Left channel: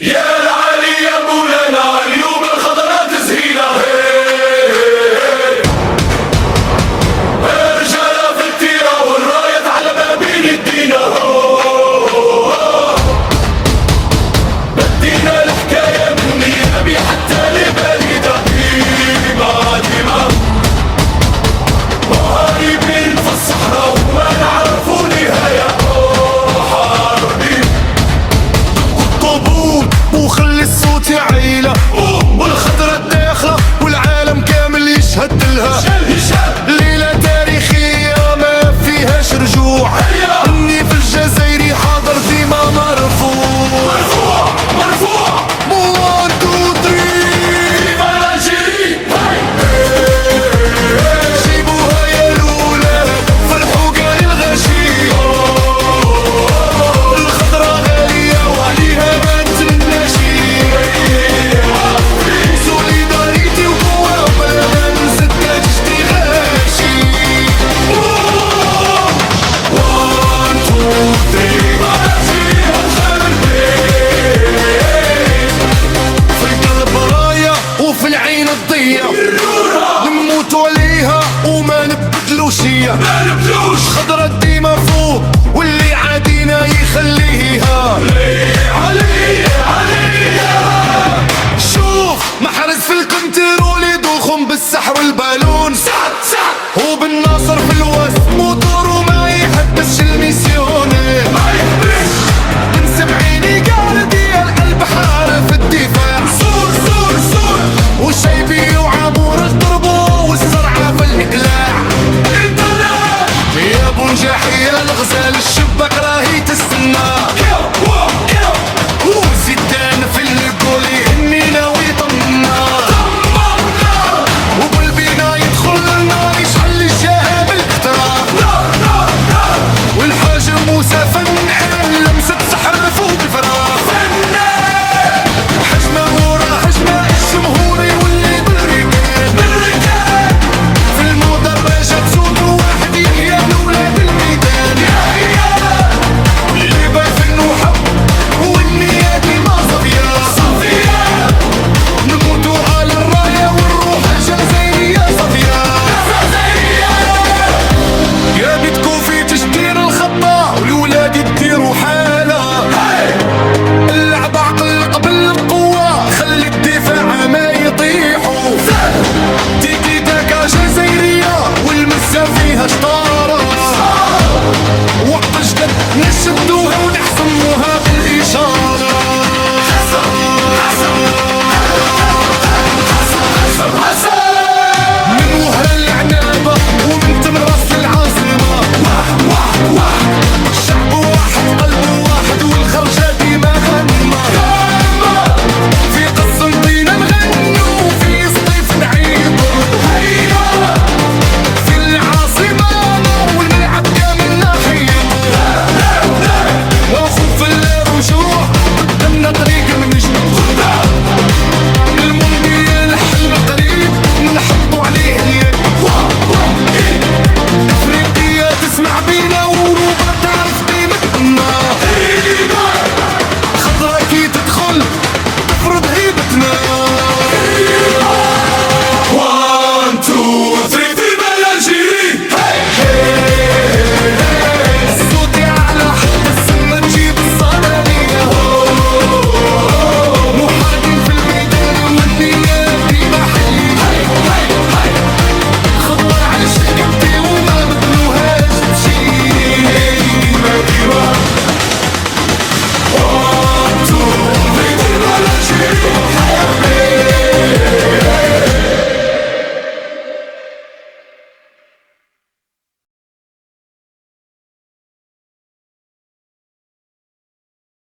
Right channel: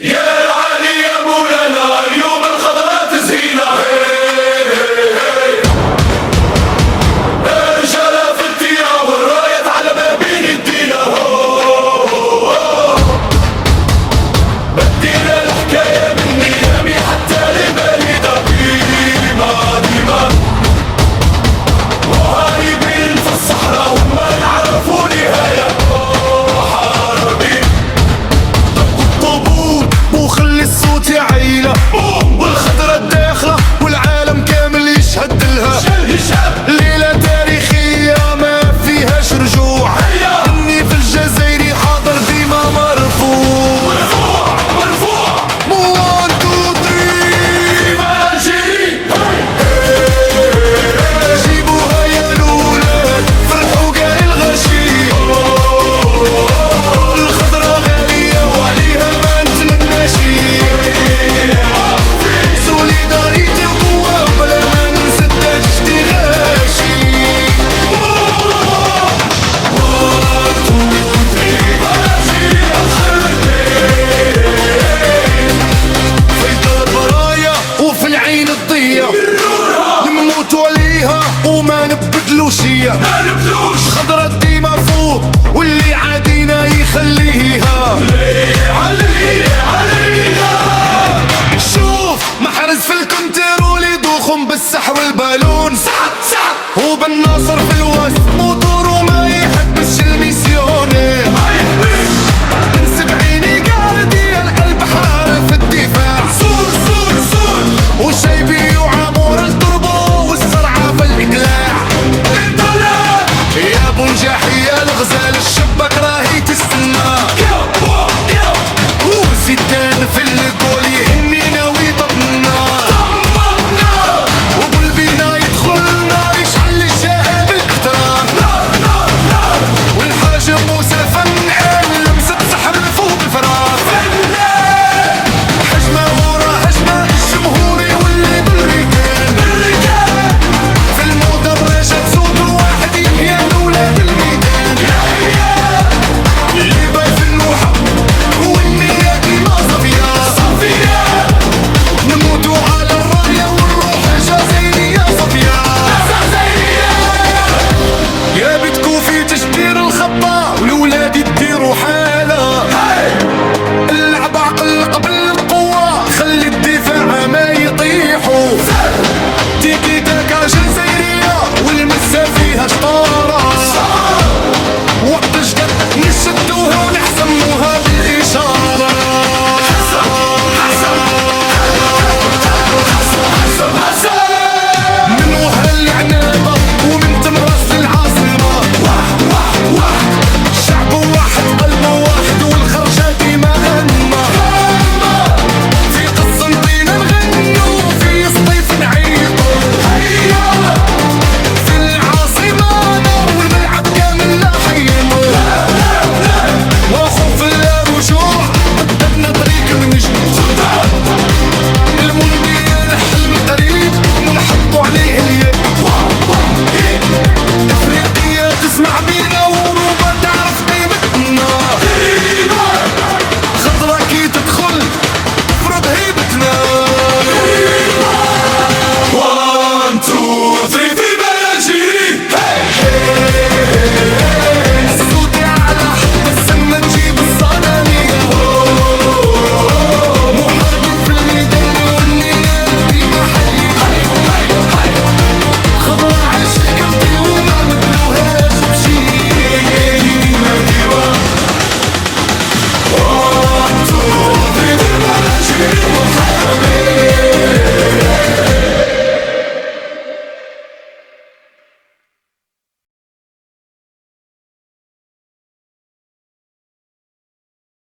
يا العلي يا مولانا اليوم الخضراء تزهينا. رجالة في التيرة والراية على بابين يدينا. بدينا الحكاية من ميامي حتى لباليدا. ديما ديما مهاربين في الصحراء وما نعرفوا نهاية. محاربين طابور وخلي الصوت يعيله والخضرة الداخلة والعالم كامل يشهد لها. ليلة تاريخية ما فيهاش رجوع. اني في الجزائري حاضر ديما مرفوع مرفوع 1 2 3 ديما الجيري. جيبوها يا الولاد فرحوا قاي الغشي. الخضرة غالية وعليها ما نتمناشي. سوليداريتي وقوة وبلا ما ننسى تاجتي غاشي. 1 2 3 في القلب راية وفي العين الضية. نموتوا عليها وما نبدلوش هي. خضرة ديما فوق واللي عادينا يخليها. شوف محرز في الكنترول يدوخهم بالسحر والبالون. وبالناصر في الوسط موتور وما يحبش الميسيوني. بنسب عيني قاردي القلب حار في الدفاع. وشيبي وعامور التربو والسرعة في الإقلاع. يا بونجاحي يا الغزال الشباك راهي تستنى. وزيدان في الجول يهنينا ويطمنا. وبالبينا يدخلنا يشعل الجهة بالاقتراب. والحاج موسى فنان لمسة سحر فوق الفراغ. حجمة ورا حجمة الجمهور يولي بالركان. في المدرجات صوت واحد يحيى لولاد الميدان. اللي باي فنو حب والنية ديما صفية. نموتوا على الراية والروح الجزائرية صفية. يا بيتكو في تشدير الخطة والولاد يديروا حالة. اللعب عقل قبل القوة خلي الدفاع ما يطيحوا. تيكي تاكا جزائرية والمسا فيها شطارة. وقت جد نشدوها ونحسموها بالإشارة. من وهر العنابة ومن تمراس للعاصمة. شعب واحد قلب واحد والخرجة ديما غنمة. في قسنطينة نغنيو في سطيف نعيطو. في العاصمة نار والملعب كامل نحيطو. وخوف لا رجوع قدامنا طريق من جديد. المونديال حلم قريب نحطو عليه اليد. افريقيا تسمع بينا وروبا تعرف قيمتنا. خضرة كي تدخل تفرض هيبتنا.